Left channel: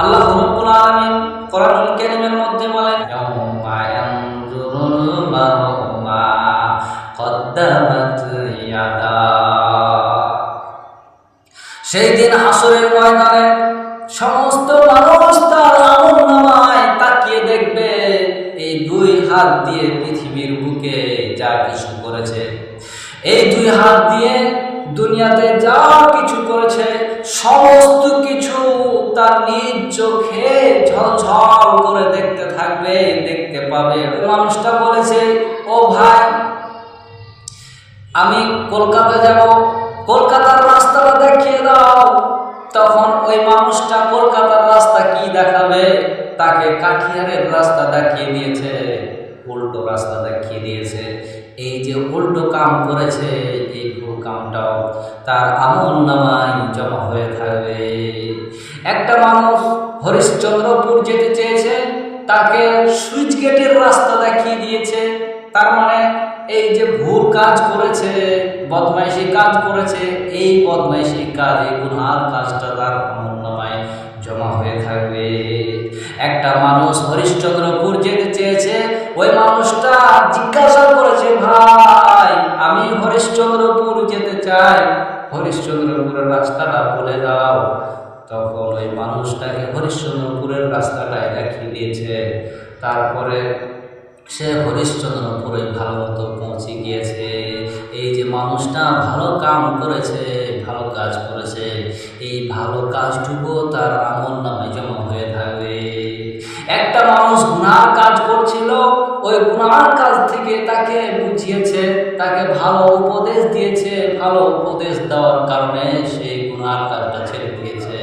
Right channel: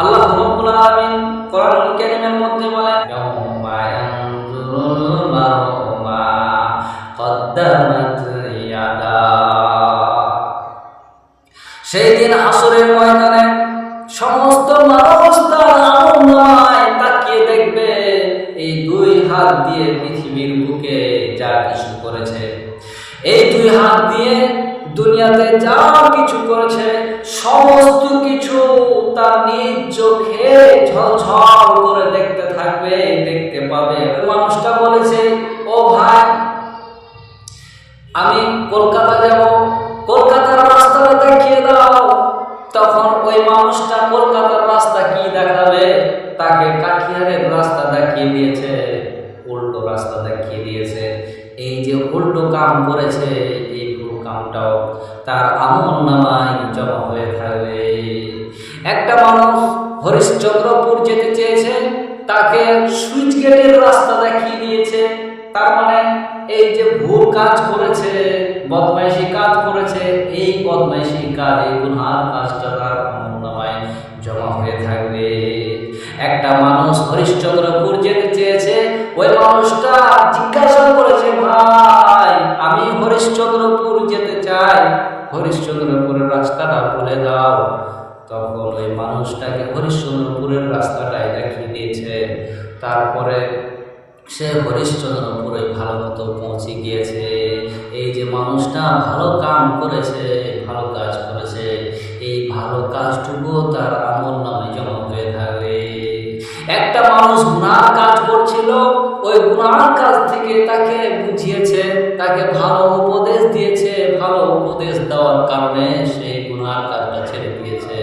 আল্লাহ রব্বুল আলামিন কোরআনুল কারীমের মধ্যে বলেন, ইয়াউমা ইয়ানজুরুল মারউ মা কদ্দামাত ইয়াদা। সেই দিন হাসরের ময়দানে সমস্ত মানুষ তার আমল নামায় তাকিয়ে দেখবে, এই দুই হাত দিয়ে পৃথিবীর বুকে যা কিছু করেছে। এই দুই হাত দিয়ে দুনিয়াতে যা কিছু করেছে, সমস্ত কিছু তার নিজ চোখে ঝলঝল করে দেখতে থাকবে, দেখতে পাবে। মানুষটা বলেছে, ও ভাই, আমি কলকাতা যাব, কলকাতার রাস্তাটা দেখিয়ে দাও। তখন ওই মানুষটা কলকাতার রাস্তা কি দেখাবে? তাকে কাঠিয়ারের রাস্তা দেখিয়ে দিয়েছে, উল্টো রাস্তা দেখিয়ে দিয়েছে। এই যে উল্টো কাম করেছে, এই কামটাও তার আমল নামায় জমা হয়ে থাকবে। একটা মানুষ হরিশ্চন্দ্রপুর যেতে চেয়েছে, তাকে সুইচ গেটের রাস্তা দেখিয়ে দিয়েছে। তার মানে এই যে ভুল কাজ করেছে, বদমাইশি কাজ করেছে, এই বদমাইশি কাজ, এই গুনহার কাজটা তার আমল নামায় জমা হয়ে থাকবে। একটা মানুষ হরিশ্চন্দ্রপুর যেতে চেয়েছে ওই মানুষটা জিজ্ঞাসা করেছে, ভাই, আমি হরিশ্চন্দ্রপুর যেতে চাই। হরিশ্চন্দ্রপুরের রাস্তাটা বলে দাও। তখন ওই মানুষটাকে হরিশ্চন্দ্রপুরের রাস্তাটাই দেখিয়ে দিয়েছে। তারপরে সে হরিশ্চন্দ্রপুরে ভালো মতো পৌঁছে গিয়েছে। এই যে মানুষটা ভালো কাম করেছে, ভালো কাজ করেছে, এই ভালো কাজটুকু তার আমল নামে জমা হয়ে থাকবে। একটা মানুষ গুনার কাজ করছিল, ওই গুনার কাজ থেকে তাকে বুঝিয়েছে, তাকে ভালো উপদেশ দিয়েছে, ভালো উপদেশ দেওয়ার কারণে সেই গুনার কাজটা ছেড়ে দিয়েছে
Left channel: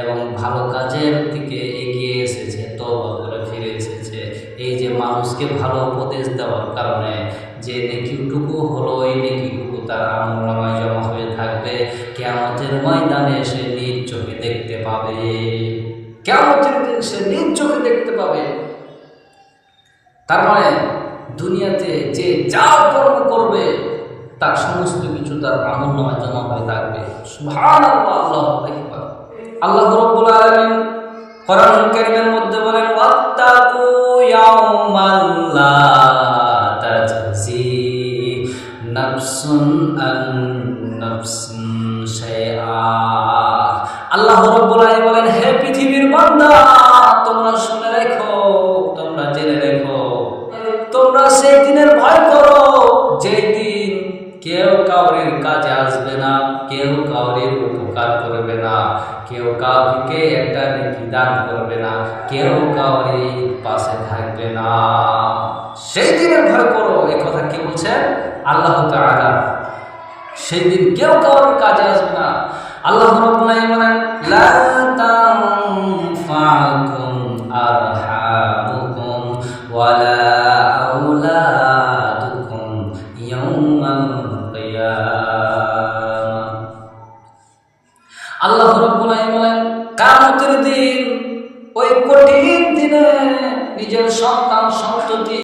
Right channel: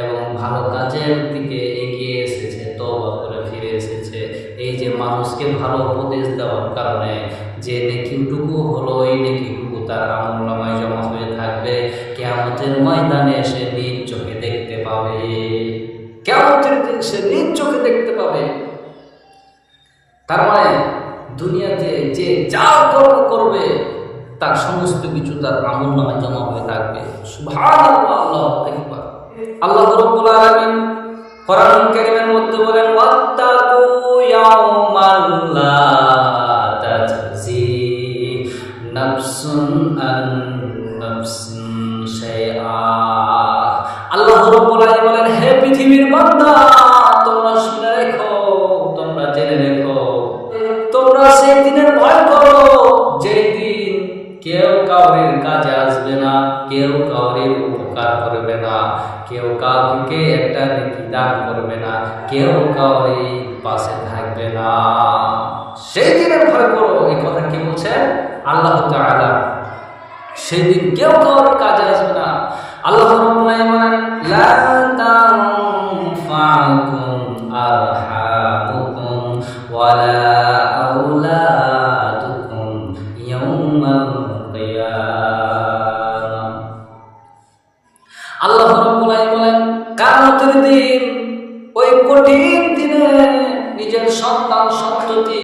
এবং ভালো কাজের দিকে এগিয়ে এসেছে তবা করে ফিরে এসেছে। এই যে মানুষকে ভালো উপদেশ দেওয়ার কারণে যে নেকিটুকু হলো, এই নেকিটুকু তার আমল নামায় জমা হয়ে থাকবে। কেয়ামতের ময়দানে সে নিজ চোখে দেখতে পাবে। কেয়ামতের দিন সে নিজ চোখে দেখতে পাবে। তার মানে দুনিয়াতে যে যা কর্ম করবে, তার সমস্ত কিছু তার আমল নামায় জমা হয়ে থাকবে। আল্লাহু আল্লাহ আলামিন কোরআন মধ্যে বলেন, ওয়াত্তাকু ইয়াউমাল লা আল্লাহ রাব্বুল বলেন, হে পৃথিবীর বান্দা, তোমরা শুনে রেখো, তোমরা জেনে রেখো। তোমরা সেই দিনের ভয় করো, যেই দিন কেউ কাউরির কাজে আসবে না, কেউ কাউরির উপকার করবে না, কেউ কাউকে একটা নেকি দান করবে না, কেউ কাউরি পাশে থাকবে না। সেই দিনের ভয় করো, এই কথা কে বলছেন আল্লাহ তাআলা সেই দিন কেউ কাউর কাজে আসবে না। আল্লাহ রাব্বুল আলামিন বলেন, লা তানফাকুম আরহামুকুম ওয়ালা ইয়াউমাল আল্লাহ বলেন কিয়ামতের দিন, ওই কঠিন দিনে নিজের সন্তান